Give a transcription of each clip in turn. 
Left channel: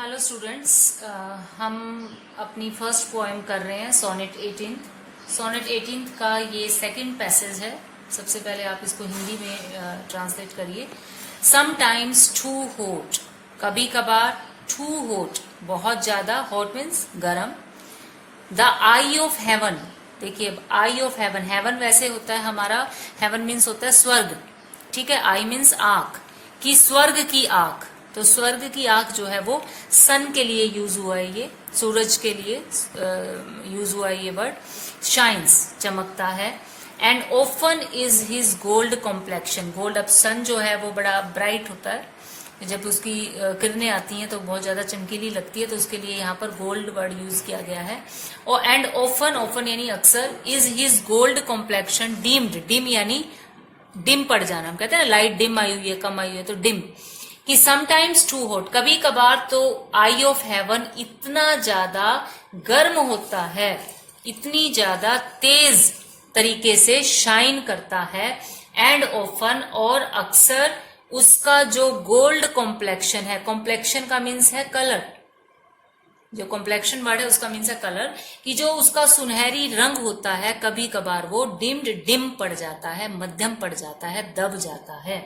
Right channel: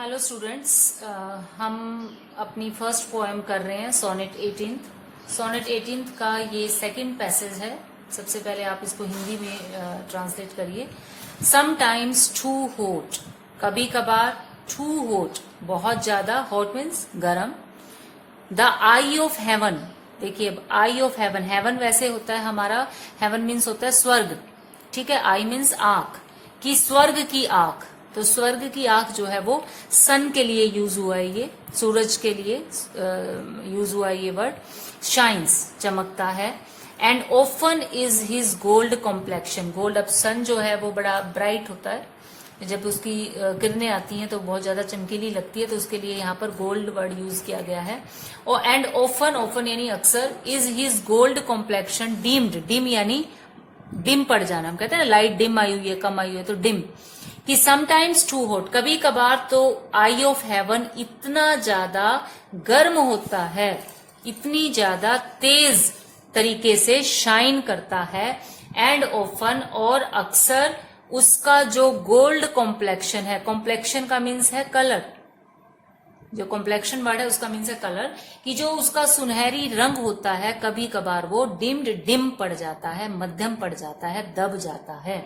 Hello students, हम अपनी first poem कर रहे हैं सोनेट 18। सोनेट 18 का ये सेकंड पैसेज है। सबसे पहले आप इसको हिंदी में ट्रांसलेट करिए। समटाइम्स टू हॉट, कभी कभार, टू हॉट बहुत ज्यादा, हॉट मीन्स गरम। द आई ऑफ हेवन, देखिए आई ऑफ हेवन, हेवन वैसे होता है हमारा, हेवन मीन्स होता है स्वर्ग, ठीक है। आई मीन्स आंख, कि स्वर्ग की आंख, तो स्वर्ग की आंख जो है वो सन के लिए यूज हुआ है, ये सूरज के लिए यूज हुआ है ये वर्ड। शाइन्स, चमकता है। And often is his gold complexion, gold, अब सन जो है वो बड़ा ब्राइट होता है, जब उसकी किरणें आती हैं तो बहुत ज्यादा चमकीली लगती है, तो उसके लिए यहाँ पर गोल्ड वर्ड यूज किया गया है। और एंड ओफन, ओफन यानी अक्सर, is his gold complexion deemed, dim यानी डिम पड़ जाना, हम कहते हैं ना लाइट डिम आई हुई है, कम आई हुई है, तो डिम। कि समटाइम्स टू हॉट, कभी कभार तो आई ऑफ हेवन इतना ज्यादा गर्म होता है, इतनी ज्यादा तेज तरीके से शाइन करता है। एंड ऑफन, और अक्सर उसका जो गोल्ड कॉम्प्लेक्शन है, कॉम्प्लेक्शन का मीन्स है कलर, जो कॉम्प्लेक्शन वर्ड है उसका मीन्स है कलर, कि जो उसका सुनहरी रंग होता है कभी कभार वो डिम्ड, डिम पड़ जाता है, मध्यम पड़ जाता है, दब जाता है।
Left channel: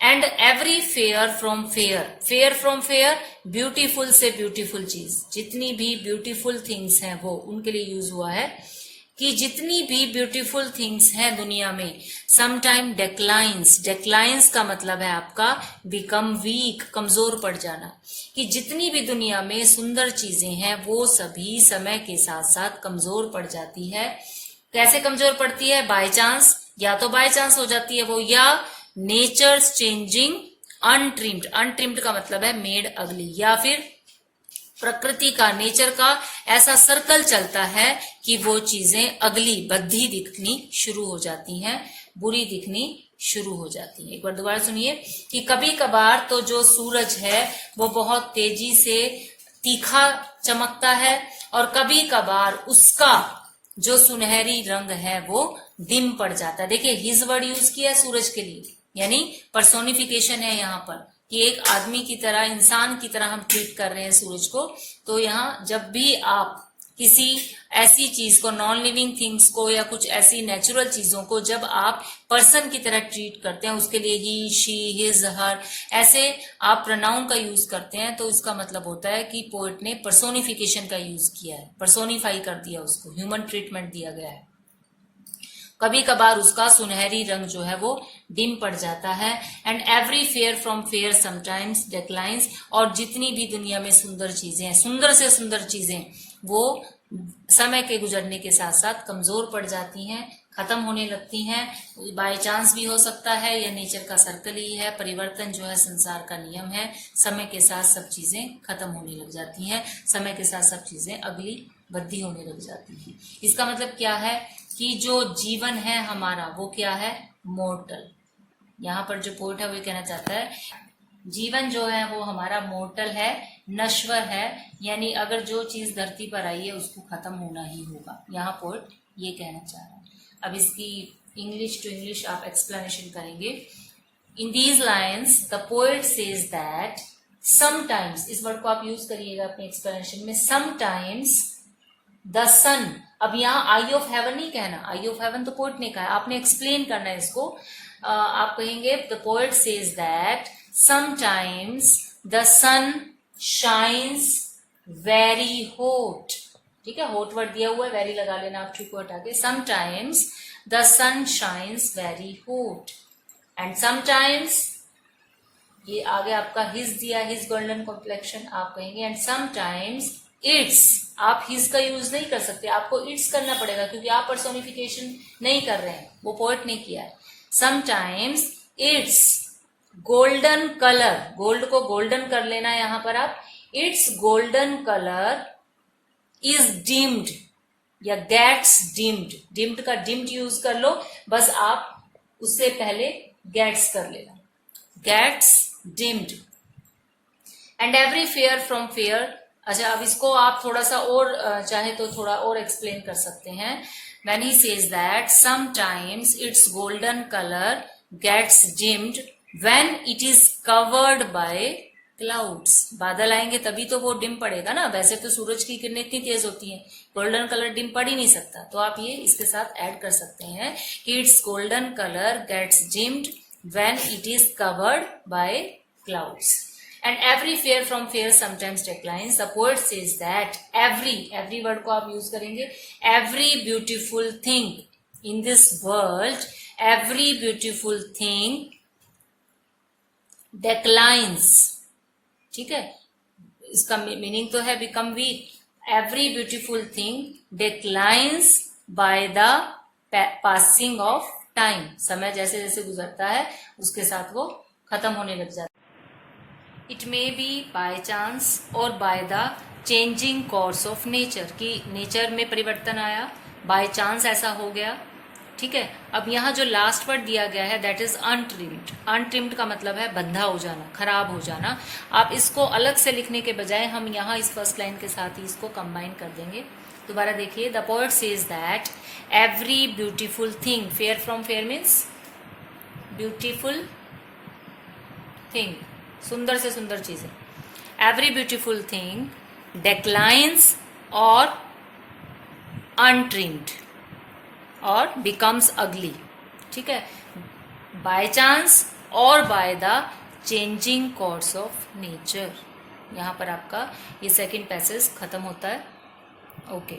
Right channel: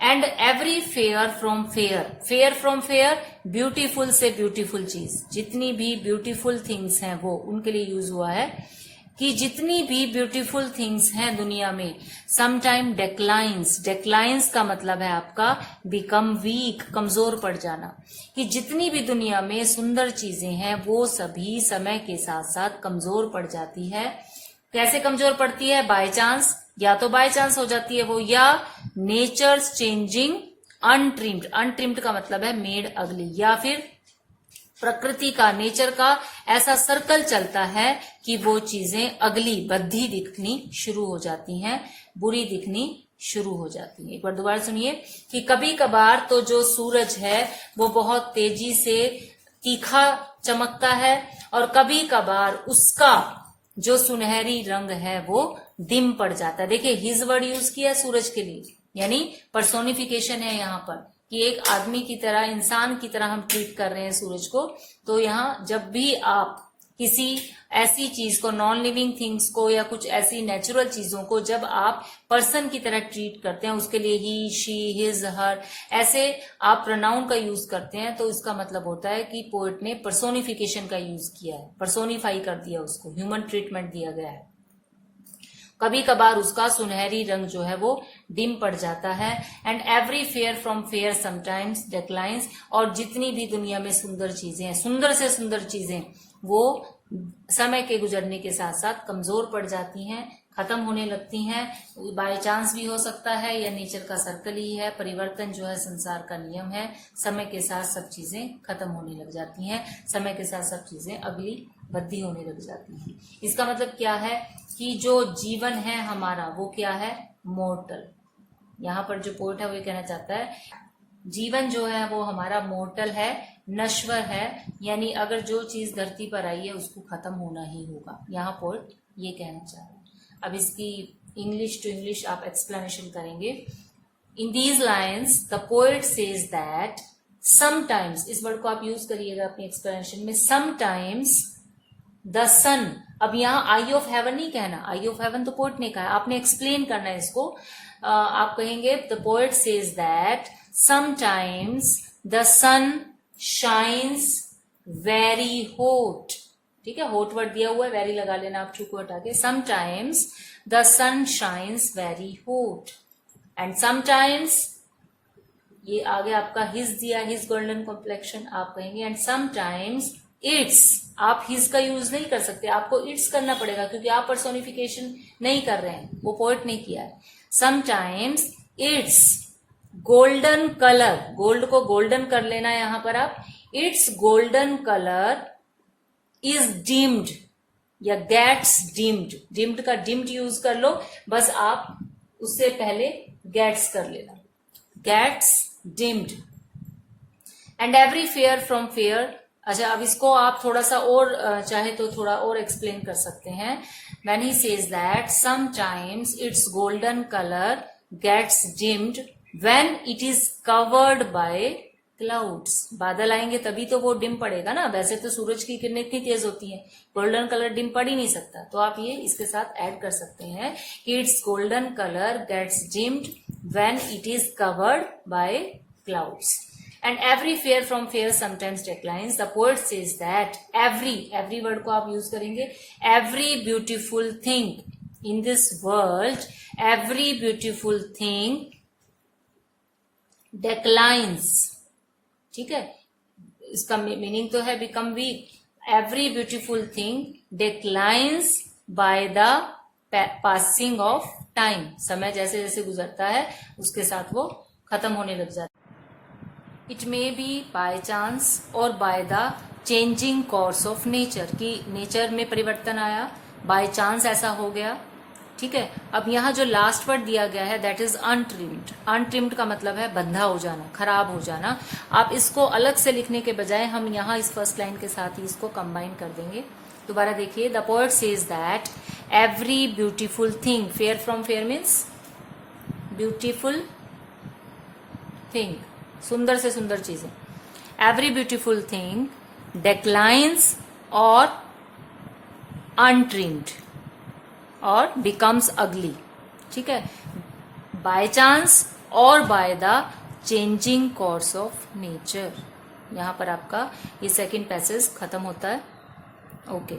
And every fair from fair, fair from fair, beautiful से ब्यूटीफुल चीज, जितनी भी ब्यूटीफुल थिंग्स हैं वो उनके लिए यूज हुआ है, कि जितनी भी ब्यूटीफुल थिंग्स हैं दुनिया में, समटाइम डेक्लाइंस, डेक्लाइंस का मतलब है आपका बिकम वीक, कमजोर पड़ जाना, कि जितनी भी दुनिया में सुंदर चीजें हैं वो सभी समय के साथ साथ कमजोर पड़ जाती है। कैसे कमजोर पड़ती है? बाय चांस, या तो बाय चांस हो जाती है वो, या नेचर्स चेंजिंग अनट्रिम्ड, अनट्रिम्ड का मतलब है मेड अगली, या फिर प्रकृति का, नेचर का ऐसा सर्कल चलता है कि वो चीजें अगली, बद्धी दिखनी शुरू हो जाती हैं, बुरी दिखनी शुरू हो जाती है। एक बार दोबारा सुनिए, कि कभी कभार तो जो सूरज है वो बहुत तेजी से तीखा चमकता है, और कभी कभार उसका जो सुनहरी रंग है वो डिम पड़ जाता है। देखिए हिज वर्ड यूज किया है सूरज के लिए, यानी पर्सोनिफिकेशन है यहाँ पर, कि एक आदमी की तरह, इंसान की तरह हम ट्रीट कर रहे हैं सूरज को। तो यहाँ जब भी आप किसी ऐसी चीज को, नॉन लिविंग थिंग्स को, या कुछ ऐसी नेचुरल चीजों को जब आप पर्सन की तरह ट्रीट करते हैं, उसके लिए ही, शी, हिज, हर, ऐसे आप प्रोनाउन का यूज करते हैं, तो इसका मतलब होता है कि पोएट ने पर्सोनिफिकेशन का यूज किया है, पर्सोनिफाई कर दिया, उसको ह्यूमन ट्रीटमेंट दिया गया है। कभी कभार उसका सुनहरी रंग जो है वो डिम पड़ जाता है। And every fair from fair sometimes declines, और जितनी भी दुनिया में सुंदर चीजें हैं, सुंदर से सुंदर चीजें, वो समय के गुजरने के साथ साथ कमजोर पड़ जाती हैं, खत्म होने लगती हैं। बाय चांस भी हो सकता है, या नेचर का सर्कल ही है, परिवर्तन जो है संसार का नियम है, समय के साथ सब चीजें खत्म होने लग जाती हैं, समय के साथ सब चीजें अगली बद्धी होने लग जाती हैं। इसका मतलब क्या है? कि जो जीवन है हमारा वो क्या है? मोर्टल। यहाँ पर जो पोएट है वो कहना चाहता है जीवन जो है वो हमारा मोर्टल है, नश्वर है, यानी अगर जो चीज धरती पर आई है उसको खत्म होना ही होगा। यहाँ पोएट ये कहना चाह रहा है। अब इसकी इंग्लिश टू इंग्लिश आप एक्सप्लेनेशन करेंगे। In these lines the poet says that sometimes, इस वर्ड को आप यूज करिएगा अपने एक्सप्लेनेशन में, समटाइम्स द सन। अब यहाँ आई ऑफ हेवन नहीं कहना, आई ऑफ हेवन तो पोएट ने कहा, आपने एक्सप्लेन करना है इसको। आप कहेंगे the poet says that sometimes the sun shines very hot, ठीक है, हॉट वर्ड दिया हुआ है, वेरी लगा लेना आप टू को हटा के। Sometimes the sun shines very hot, and sometimes, ये आगे आपका हिज दिया, हिज गोल्डन कॉम्प्लेक्शन, आप कहेंगे एंड समटाइम्स इट्स, आप हिज का यूज नहीं कर सकते, आपको इट्स करना पड़ेगा, क्योंकि आप पर्सोनिफिकेशन नहीं कर रहे हैं, वो पोएट ने किया है। Sometimes its golden colour, gold को गोल्डन कर लेना है यहां पर आप, its golden colour is dimmed, या गेट्स डिम्ड, डिम्ड का डिम्ड यूज कर लो, बस आप उससे पहले गेट्स कर लेना, gets dimmed. And every fair from fair, अच्छा अब इसको आप थोड़ा सा और चाहे तो थोड़ा और एक्सप्लेन कर सकते हैं। When he says that sometimes its golden colour gets dimmed when it is covered by, clouds. बादल आएंगे तभी तो वो डिम पड़ेगा ना, वैसे तो सूरज की किरणें इतनी तेज होती हैं, गोल्डन कलर डिम पड़ ही नहीं सकता। तो आप ये इसके साथ ऐड कर सकते हैं कि its golden colour gets dimmed when it is covered by clouds and every fair from fair sometimes declines. The poet says that every word को आप यूज करेंगे, every beautiful thing in this world, every beautiful thing declines, ठीक है, इसका meaning तो है become weak. Every beautiful thing declines by the passing of time. समय जैसे जैसे गुजरता है उसके साथ वो खत्म होने लग जाता है। It may be by chance or by the changing course of nature, कि नेचर में परिवर्तन आया, बाय चांस ऐसा हो गया, ठीक है। अब यहाँ जो लास्ट वर्ड दिया गया है दैट इज अनट्रिम्ड। अनट्रिम्ड का मतलब है बंधा हो जाना, खराब हो जाना। आप इसको अलग से लिखने के बजाय हम यहाँ इस फर्स्ट लाइन के साथ ही इसको कंबाइन कर देंगे। दोबारा देखिए, the poet says that every beautiful thing, fair from fair means beautiful thing, सुंदर से सुंदर चीजें। एवरी ब्यूटीफुल थिंग डिक्लाइंस और अनट्रिम्ड और बिकम्स अगली, ठीक है, bye chance or by the changing course of nature. यहां पर आपका ये सेकंड पैसेज खत्म होता है। ओके।